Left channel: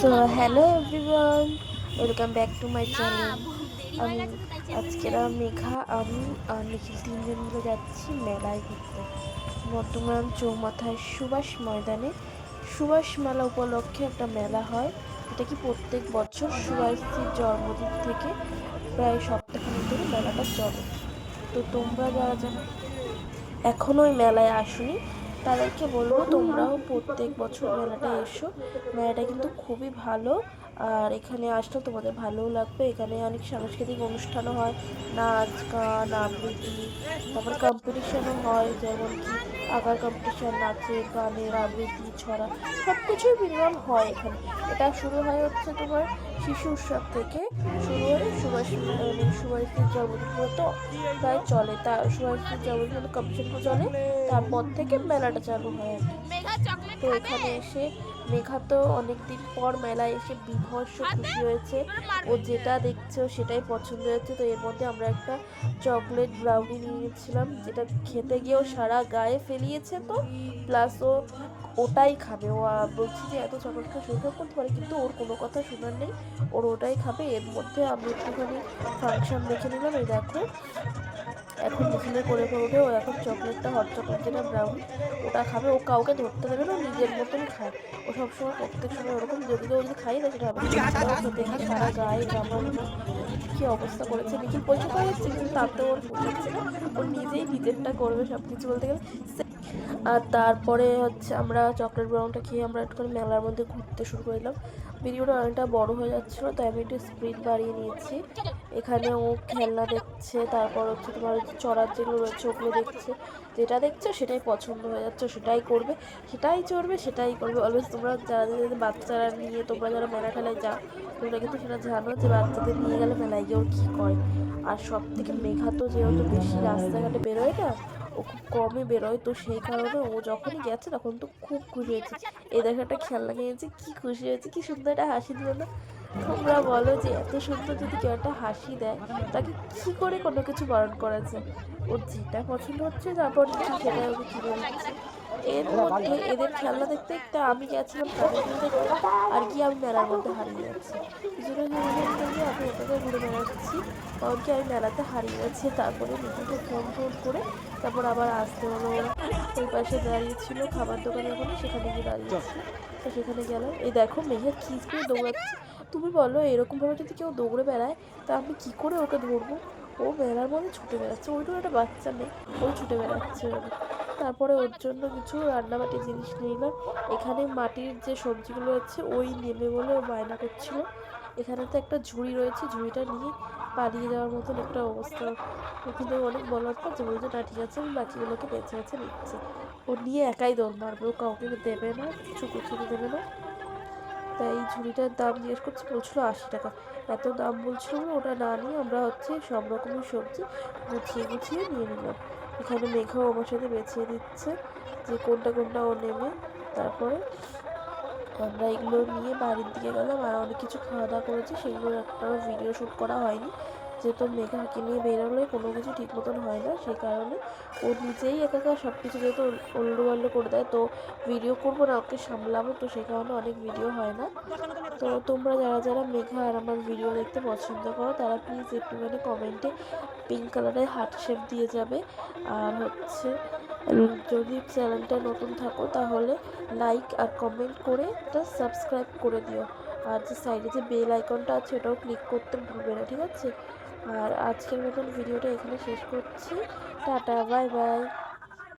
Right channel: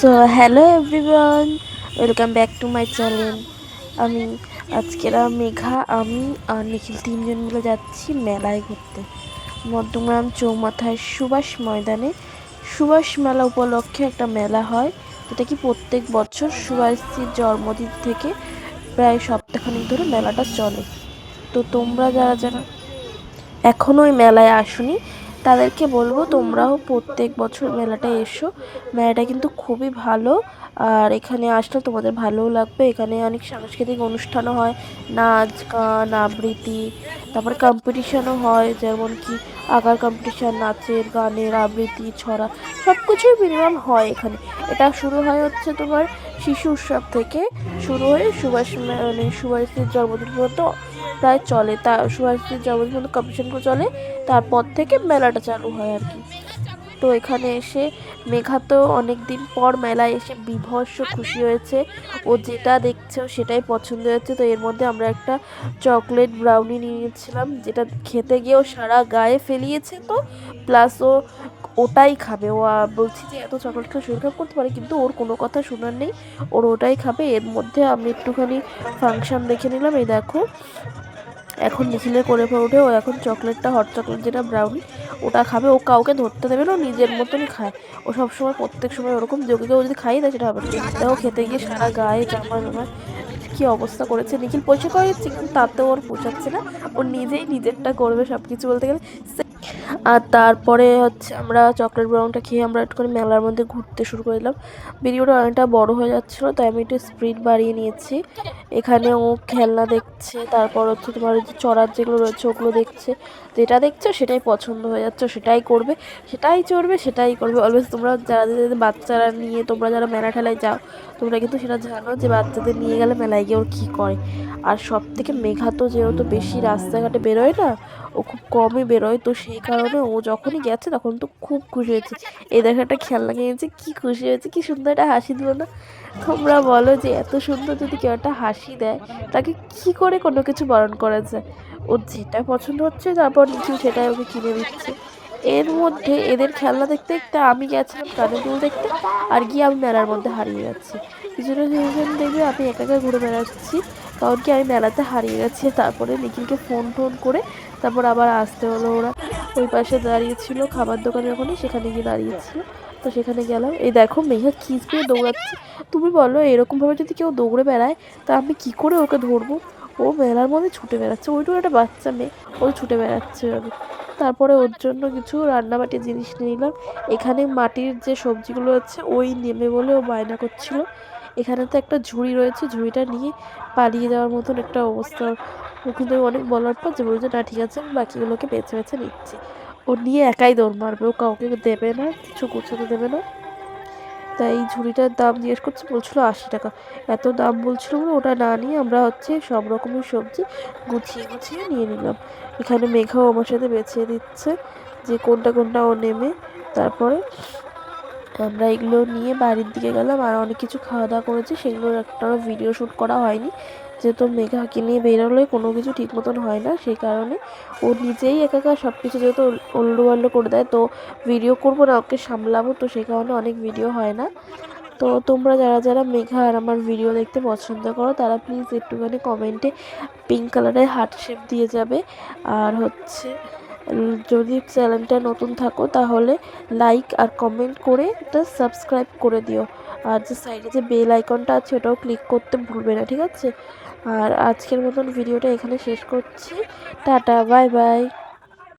So hello everyone, welcome back to my channel. আমি মেঘা, আমি আর নিখিল তিনজন মিলে যাচ্ছি মেলায় ঘুরতে। মধ্যমগ্রাম চৌমাথায় সুভাষ ময়দানে সুভাষ মেলা উপলক্ষে একটা মেলা হয়, যেটা কি প্রত্যেক বছর সুভাষজির জন্মদিন থেকে প্রায় সপ্তাহখানেক ধরে মেলাটা চলে। তো তোমরা যারা যারা এখনও ওই মেলায় আসোনি তাদেরকে বলবো তোমরাও প্রত্যেক বছর মেলাটায় এসো। মেলাটা কিন্তু খুবই ভালো, আর এখানে আসলে তোমাদের ভালোও লাগবে। এখানে অনেক সাংস্কৃতিক অনুষ্ঠানও হয়, নাচ গান আবৃত্তি, তারপরে কম্পিটিশানও হয়, যেমন কি আঁকার কম্পিটিশান, নাচের গানের আবৃত্তি, ছড়া, সব কিছুই মিনিমাম হয় এখানে। এটা শুরু হয় হচ্ছে তোমার শিশু উৎসব থেকে শুরু হয়ে সুভাষের জন্মদিন পর্যন্ত প্রায় চলে। তা সুভাষের জন্মদিন পর্যন্ত কম্পিটিশানগুলো চলে, তারপর থেকে মেলাটা চালু হয় আর কি। তো এখানে এসে মেঘা তো অনেক দিন পর মেলায় এসে বিভৎস খুশি হয়েছে। ও যেটা দেখছে ও সেটাই পছন্দ হয়েছে। তো এর মধ্যে আমরা একটা চকলেট ব্রাউনি নিয়েছিলাম, যেটা খেতে গিয়েও সারা গায়ে ফেলিয়েছে। তো প্লাস ও ওটাই খাবে। ও বলছি যে এত চকলেট খেয়ে শরীর খারাপ করতে পারে, কিন্তু ওর কোনো কথা শোনার নেই, ওর ওটাই খাবে। এর মধ্যে আমি একটুখানি ফাংশন দেখে নিলাম। এই দেখো, এখন নিখিলের কোলে পড়ে উঠে ও এখন চকলেটটা, হট চকলেট যেটা ব্রাউনি, ওটা খাবে। ও কাউকে ধরতে দেবে না, ও নিজের মতনই খায়। ও সবসময় প্রত্যেক সময় ওরকম, যে কেউ যদি খাইয়ে দেয় সেটা হবে না। এটাও খেতে গিয়ে সারা গায়ে জামা জামা কি অবস্থা করেছে। নিখিল পয়সা করে দিচ্ছে, কিন্তু তাতেও ওর পোষাচ্ছে না। ও নিজেই নিজেরটা করবে সব কিছু বলতে গেলে। আর তারপরে হচ্ছে আমরা চকলেট ব্রাউনটা খেয়ে আমরা একটুখানি মেলার মধ্যে ঘুরতে শুরু করে দিলাম। ভিডিওটা অনেকটা বড় হয়ে যাচ্ছিলো, তাই আমি একটু স্পিড বাড়িয়ে নিয়েছি। এখানে ও খেলনা দেখছে, তারপর হচ্ছে তোমার যে চড়ার যেগুলো রয়েছে ওগুলো দেখছে। যেটা দেখছো সেটাই পছন্দ হয়ে যাচ্ছে, সেটাই করবে, সেটাই চড়বে, সেটাই করবে অলওয়েজ। তোমরা যারা যাদের বাচ্চারা নিয়ে তোমরা যারা মেলা ঠেলায় যাও, তোমরা কিন্তু সেটা জানো যে বাচ্চাদের নিয়ে গেলে মেলায় গিয়ে ওর কী করে। আর সব থেকে মেঘা তো যেহেতু বেশি রাস্তাঘাটে বেরোয় না, ও খুব কমই বেরোয়, তো সেই কারণে ও যখনই গেছে তখন তো খুব খুশি হয়েছে। এই দেখো একটা খেলনা কিনেছে, কি খুশি হয়েছে, কি সুন্দর একটা হাসি দিল না? তোমরা বলো যে এত সুন্দর যদি কেউ একটা হাসি দেয়, তাকে কি করে কোনো কিছু বারণ করা যায়? ওর যেটা পছন্দ হচ্ছে তারপর কিছু সেটাই ওকে কিনে দিচ্ছে। এর মধ্যে এদের খেলনা দেখতে দেখতে আমি গেছিলাম কানের দুল দেখতে, আর গিয়ে আমি মেলার মধ্যে হারিয়ে যাচ্ছি। কিছুটা রিজন দেখে আমি একা একা ঘুরে বেড়াচ্ছি, কারণ কি আমি মেলাতে হারিয়ে গেছি। তারপরে নিখিলকে ফোন টোন করে তারপর আবার আসতে হলো। ওরা ওই পাশে দাঁড়িয়েছিল খাবার দোকানের ওখানে, সেখানে গিয়ে দাঁড়িয়েছিল। তো সেখানে গেলাম। এই দেখো মেঘা কি স্পিডে দৌড়াচ্ছে। তুমি বলো এরকমভাবে যদি কেউ দৌড়ে বেড়ায়, তা আমি কি করে ওকে ধরবো? ও মেলার মধ্যে ছুটে বেড়াচ্ছে, ওইটুকু একটা বাচ্চা মেয়ে, ও ছুটে বেড়াচ্ছে আমি। তারপরে ওর জন্য কিছু রান্নাবাটি জিনিস নিয়ে নিলাম। এখানে মাটির যে সবজিগুলো আছে ওই নেবে বলে ও বায়না করছিল। এখানে তো একটা ঝুড়ি রয়েছে, ঝুড়িটা নিয়ে পালিয়ে যাওয়ার মতন একটা অবস্থা। ও কিন্তু অনেক বলার পর যে বলছে না ঠিক আছে, আমি বাকিগুলোকে বেছে বেছে নিচ্ছি। ও নিয়ে একাই দৌড় মারবে, ও কাউকে দেবে না, কিছু গুছোতে দেবে না। তাই এই ঝুড়িটার দাম জিজ্ঞেস করছে, বলছিল 80 টাকা। এত দাম বলছিল বলে ওটা না নিয়ে আমরা হচ্ছে সব রকমের সবজি গুছিয়ে গুছিয়ে নিয়ে নিলাম। এখানে মেঘাও আমার সাথে বেছে দিচ্ছে যে কোনটা কোনটা ও নেবে। তারপরে আমরা এগুলো নিয়ে বাড়ির দিকে গেলাম, আর অনেক কিছু খাওয়া দাওয়া করেছি, সেগুলোর একটারও ভিডিও শ্যুট করা হয়নি। যেহেতু মেঘাকে নিয়ে বেরোলে কোনো কিছু ঠিক মতন হয় না, সেই কারণে ও নিজেই একা সব কিছু যেহেতু উল্টো পাল্টো করে দেয়, তো ভিডিও করবো না, ওকে সামলাবো, তো সেই কারণে অনেক ভিডিও হয় না। তো তোমরা যারা যারা মেঘা আর আমার ভিডিও দেখতে পছন্দ করো, তারা প্লিজ একটুখানি কমেন্টে পিঙ্ক কালারের হার্ট শেপ দিয়ে যাবে। আর হচ্ছে যদি চ্যানেলটা নতুন থাকো তাহলে লাইক আর কমেন্ট করে এটা সাবস্ক্রাইব করে দিও। আর যে সাইডে যে বেল আইকনটা আছে ওটাও ক্লিক করতে ভুলবে না, ঠিক আছে? আর আজকের মতন ভিডিওটা এখানে শেষ করছি। Tata, bye bye.